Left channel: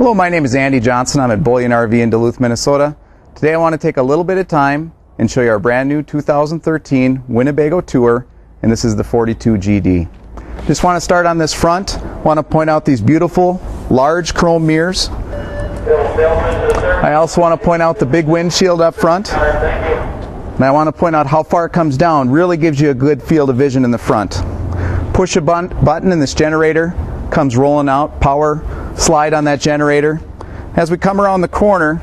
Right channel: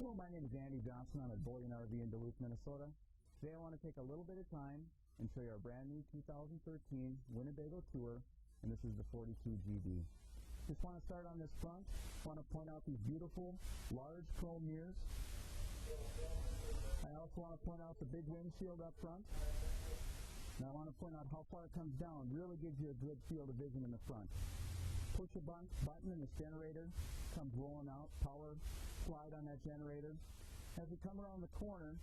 Hello, my name is Andy Johnson. I'm at Bullion RV in Duluth, Minnesota. Today I want to take a little bit of time and show you our brand new 2013 Winnebago Tour, and this is the 42 GD. Just want to start on this front. Want to point out these beautiful large chrome mirrors. I also want to point out the big windshield up front. And I want to point out how far it comes down. Really gives you a good field of vision in the front. Push a button and this generator comes rolling out. Power slide on that generator. As we come around the corner,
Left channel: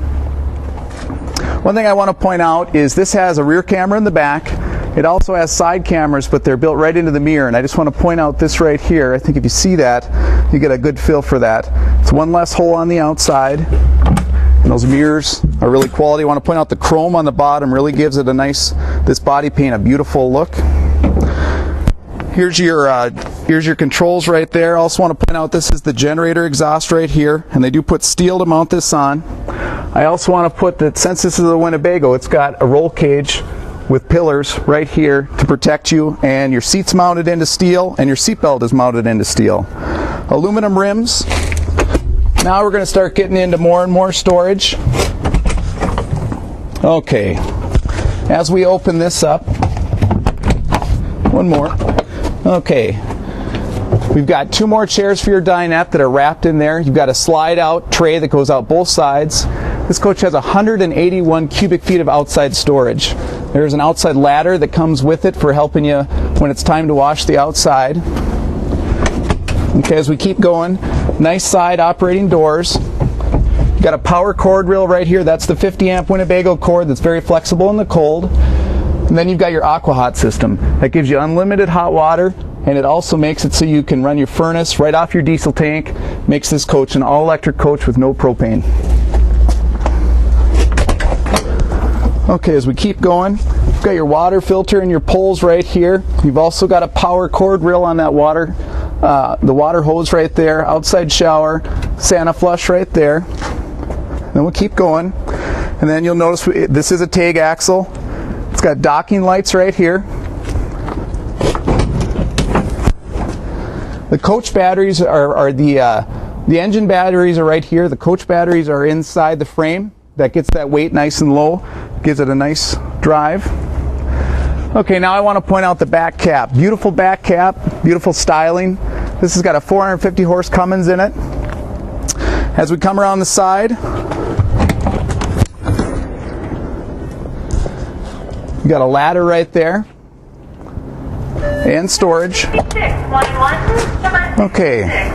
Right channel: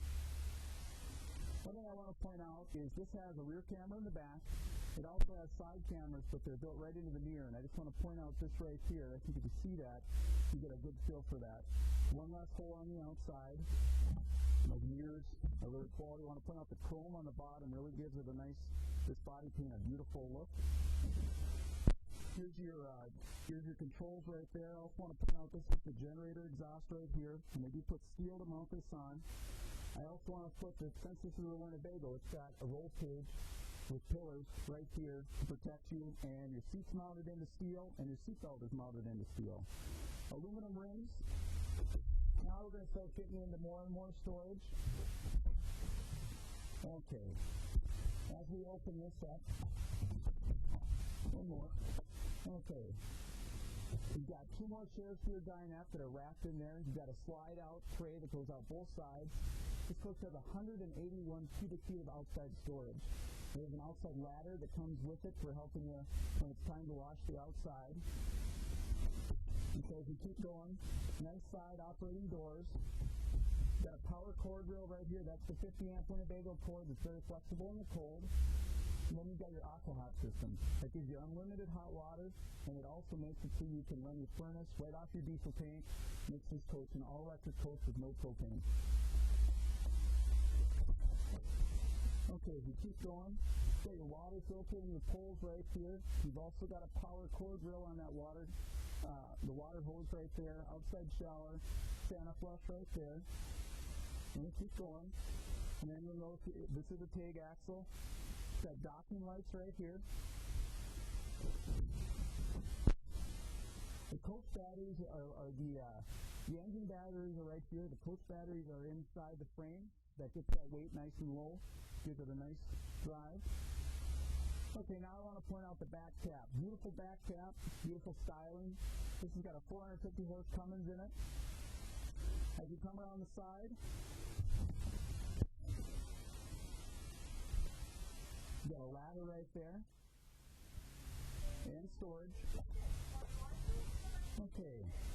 one thing I want to point out is this has a rear camera in the back. It also has side cameras, but they're built right into the mirror, and I just want to point out this right here. I think if you see that, you get a good feel for that. It's one less hole on the outside, and those mirrors are really quality. I want to point out the chrome on the bottom really gives it a nice, this body paint, a beautiful look. Here's your controls right there. Also want to point out this is the generator exhaust right here, and they do put steel to mount this on. I also want to put that since this is a Winnebago, it's got a roll cage with pillars right here to protect you, and your seat's mounted into steel and your seat belt is mounted into steel. Aluminum rims. Now we're going to start getting into more and more storage. Okay, as we open this up, one more. Okay, we've got two more chairs for your dinette that are wrapped in there. You've got a slide out tray that goes out both sides. This coach has 181 cubic feet of outside storage. There's an outside ladder that comes with it for helping you when it's time to wash the outside. Okay, as we keep going, nice side operating doors. You've got a power cord reel right here. That's the 50 amp Winnebago cord that's very flexible in the cold. And then you've got your AquaHot system. That gives you unlimited hot water, and it also makes it so you can run your furnace right off your diesel tank. Makes this coach an all-electric coach with no propane. Okay, as we keep going, you've got your water filter and your poles right here. You've also got a power cord reel on that water, the water hose right there, outside shower, Santa flush right there. Then we'll keep going, and then you'll notice this is a tag axle. It's got docking lights right here. The coach batteries are the engine batteries are right here. The coach batteries are inside the frame. That gets that weight nice and low. Gives it a nice drive. Okay, now I want to point out the back cap. Beautiful back cap, beautiful styling. This has got a 450 horse Cummins in it. As we come around the side, you got a ladder right there and storage. Okay.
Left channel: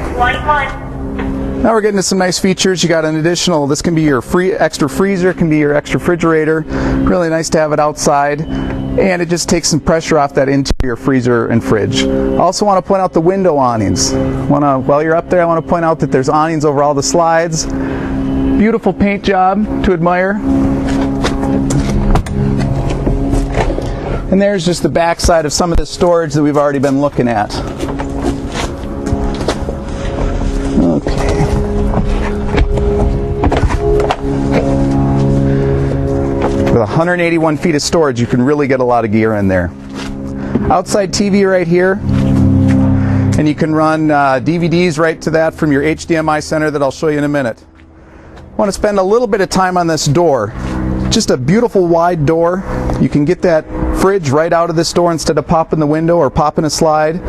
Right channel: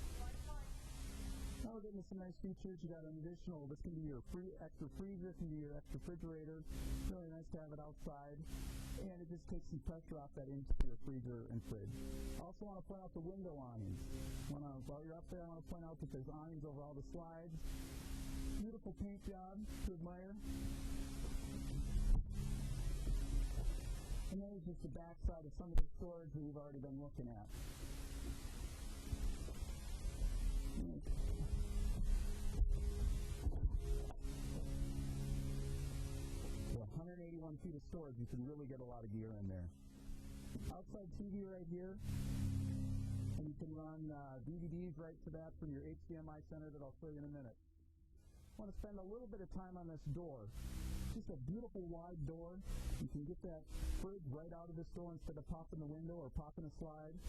Now we're getting to some nice features. You got an additional, this can be your extra freezer, it can be your extra refrigerator. Really nice to have it outside, and it just takes some pressure off that interior freezer and fridge. Also want to point out the window awnings. While you're up there, I want to point out that there's awnings over all the slides. Beautiful paint job to admire. And there's just the back side of some of the storage that we've already been looking at. Okay. With 181 feet of storage, you can really get a lot of gear in there. Outside TV right here, and you can run DVDs right to that from your HDMI center that I'll show you in a minute. I want to spend a little bit of time on this door. Just a beautiful wide door. You can get that fridge right out of this door instead of popping the window or popping a slide.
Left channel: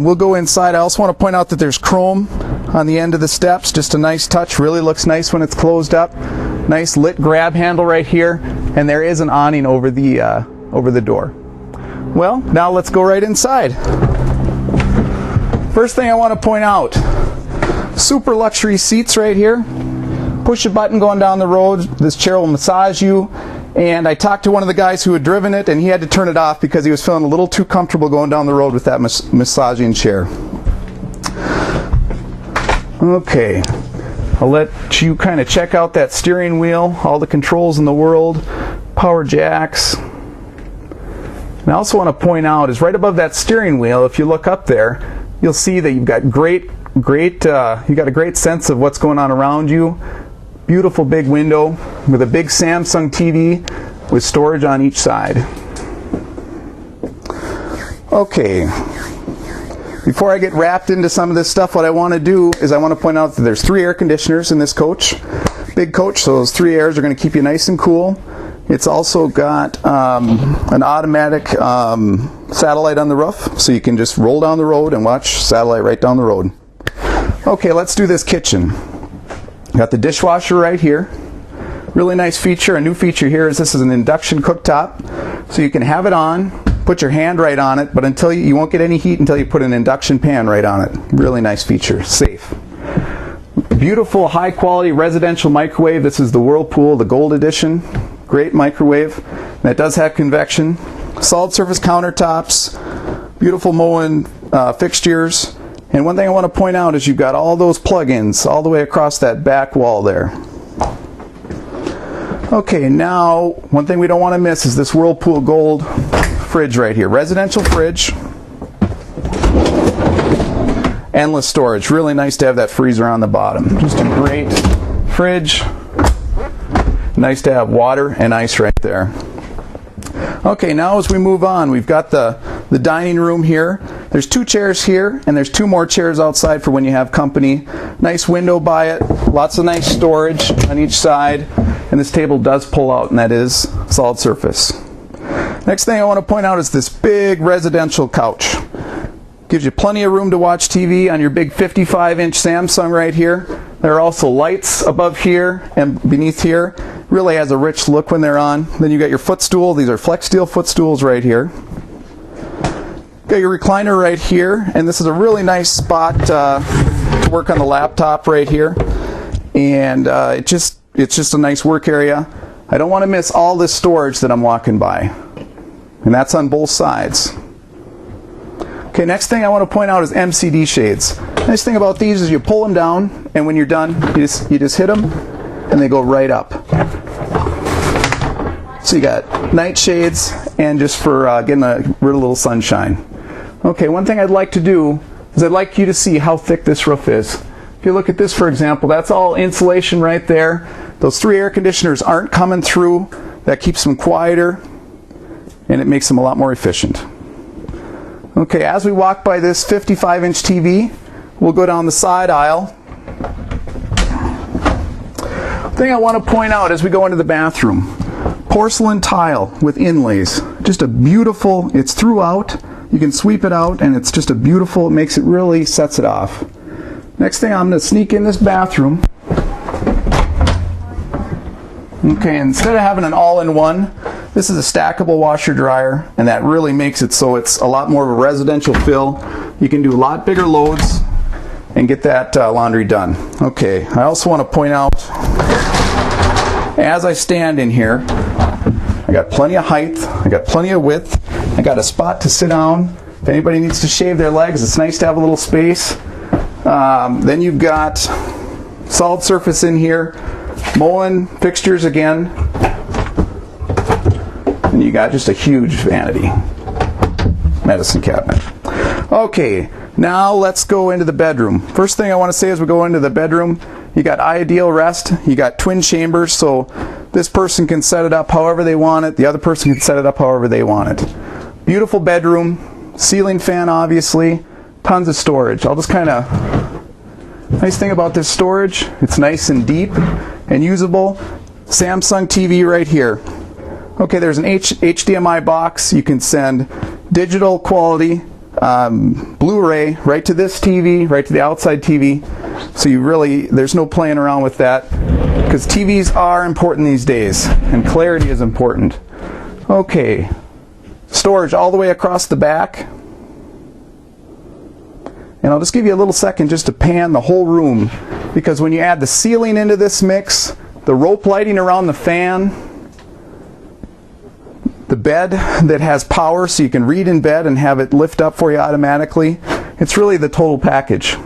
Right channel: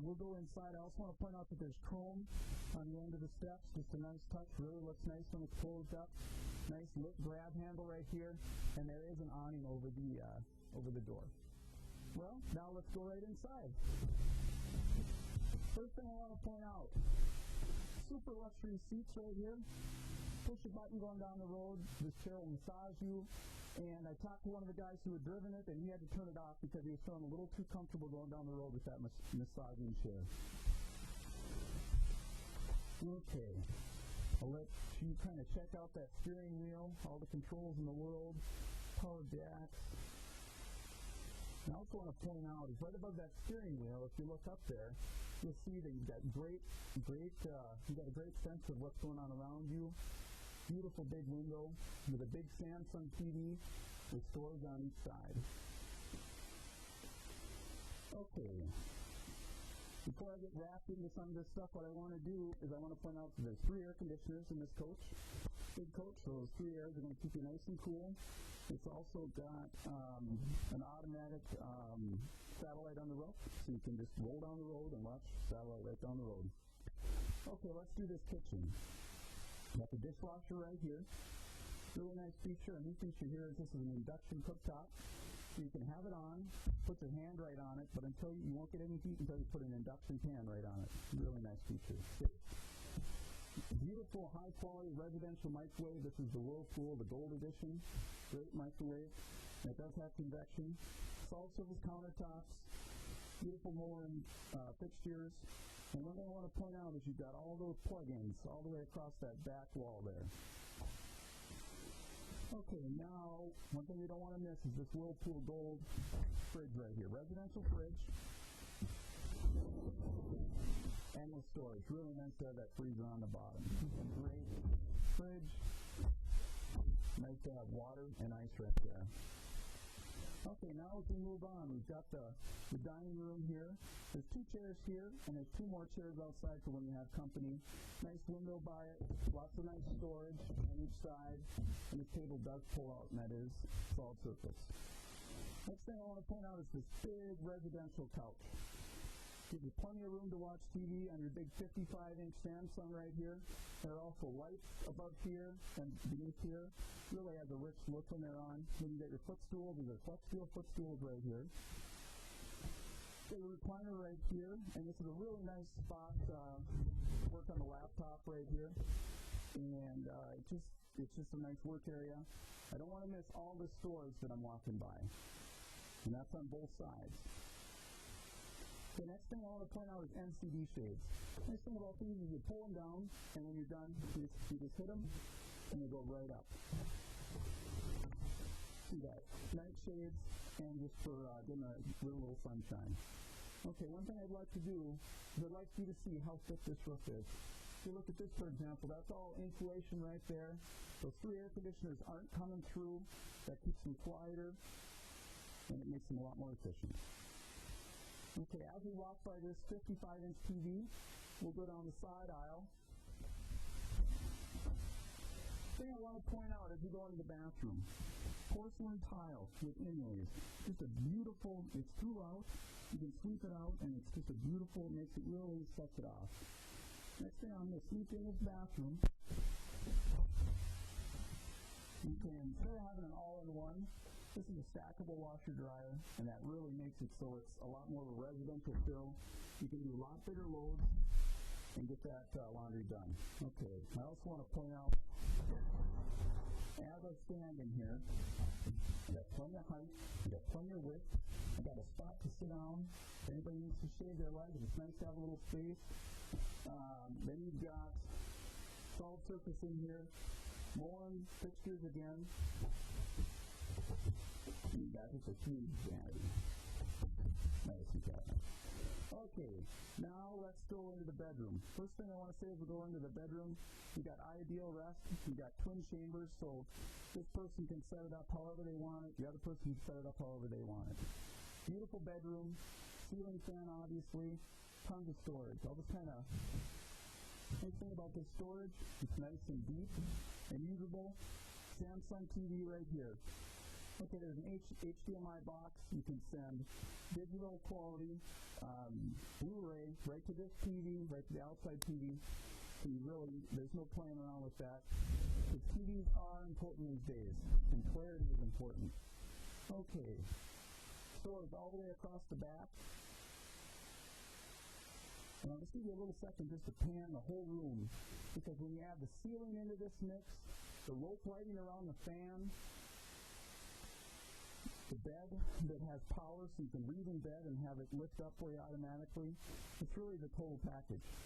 We'll go inside. I also want to point out that there's chrome on the end of the steps. Just a nice touch. Really looks nice when it's closed up. Nice lit grab handle right here, and there is an awning over the door. Well, now let's go right inside. First thing I want to point out, super luxury seats right here. Push a button going down the road. This chair will massage you. And I talked to one of the guys who had driven it, and he had to turn it off because he was feeling a little too comfortable going down the road with that massaging chair. Okay, I'll let you kind of check out that steering wheel, all the controls in the world, power jacks. And I also want to point out is right above that steering wheel, if you look up there, you'll see that you've got you got a great sense of what's going on around you. Beautiful big window with a big Samsung TV with storage on each side. Okay, Before I get wrapped into some of this stuff, what I want to do is I want to point out that there's 3 air conditioners in this coach. Big coach, so those 3 airs are going to keep you nice and cool. It's also got an automatic satellite on the roof, so you can just roll down the road and watch satellite right down the road. Okay, let's do this kitchen. Got the dishwasher right here. Really nice feature. A new feature here is this is an induction cooktop, so you can have it on, put your hand right on it, but until you won't get any heat until you put an induction pan right on it. Really nice feature. Safe. Beautiful, high quality residential microwave. This is the Whirlpool, the Gold Edition. Great microwave. That does have convection. Solid surface countertops. Beautiful Moen fixtures. And one thing I want to point out is you've got all those plug-ins all the way across that back wall there. Okay, now one thing we don't want to miss is this Whirlpool Gold fridge right here. Residential fridge. Endless storage. Really nice to have that freezer on the bottom. Just a great fridge. Nice to have water and ice right there. Okay, now as we move on, we've got the dining room here. There's 2 chairs here, and there's 2 more chairs outside for when you have company. Nice window by it, lots of nice storage on each side, and this table does pull out, and that is solid surface. Next thing I want to point out is this big residential couch. Gives you plenty of room to watch TV on your big 55-inch Samsung right here. There are also lights above here and beneath here. Really has a rich look when they're on. Then you got your footstool. These are flex steel footstools right here. Got your recliner right here, and this is a really nice spot to work on the laptop right here. And it's just a nice work area. I don't want to miss all this storage that I'm walking by, and that's on both sides. Okay, next thing I want to point out is Mcd Shades. Nice thing about these is you pull them down, and when you're done, you just hit them, and they go right up. So you got night shades, and just for getting rid of a little sunshine. Okay, one thing I'd like to do is I'd like you to see how thick this roof is. If you look at this, for example, that's all insulation right there. Those 3 air conditioners aren't coming through. That keeps them quieter, and it makes them a lot more efficient. Okay, as we walk by this 55-inch TV, we'll go down the side aisle. The thing I want to point out as we go into the bathroom, porcelain tile with inlays. Just a beautiful, it's throughout. You can sweep it out, and it's just a beautiful, it makes it really sets it off. Next thing, I'm going to sneak in this bathroom. Okay, instead of having an all-in-one, this is a stackable washer dryer, and that really makes it so it's a lot more of a residential fill. You can do a lot bigger loads and get that laundry done. Okay, I also want to point out, as I stand in here, I got plenty of height, I got plenty of width, I got a spot to sit down. If anybody needs to shave their legs, it's nice to have a little space. Then you've got solid surface in here, Moen fixtures again, and you got just a huge vanity medicine cabinet. Okay, now let's go into the bedroom. First thing I want to say as we go into the bedroom, you got ideal rest, you got twin chambers, so this person can set it up however they want it, the other person can set it up however they want it. Beautiful bedroom, ceiling fan obviously, tons of storage. I'll just kind of, nice thing about this storage, it's nice and deep and usable. Samsung TV right here. Okay, there's an HDMI box. You can send digital quality Blu-ray right to this TV, right to the outside TV. So you really, there's no playing around with that, because TVs are important these days, and clarity is important. Okay, storage all the way across the back. And I'll just give you a little second just to pan the whole room, because when you add the ceiling into this mix, the rope lighting around the fan, the bed that has power so you can read in bed and have it lift up for you automatically, it's really the total package.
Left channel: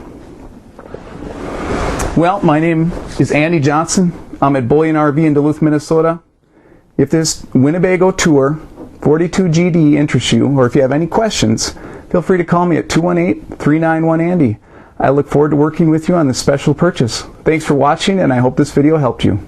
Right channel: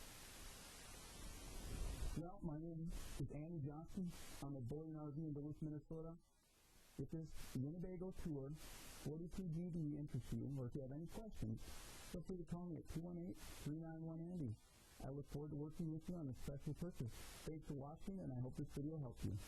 Well, my name is Andy Johnson. I'm at Bullion RV in Duluth, Minnesota. If this Winnebago tour 42GD interests you, or if you have any questions, feel free to call me at 218-391-ANDY. I look forward to working with you on this special purchase. Thanks for watching, and I hope this video helped you.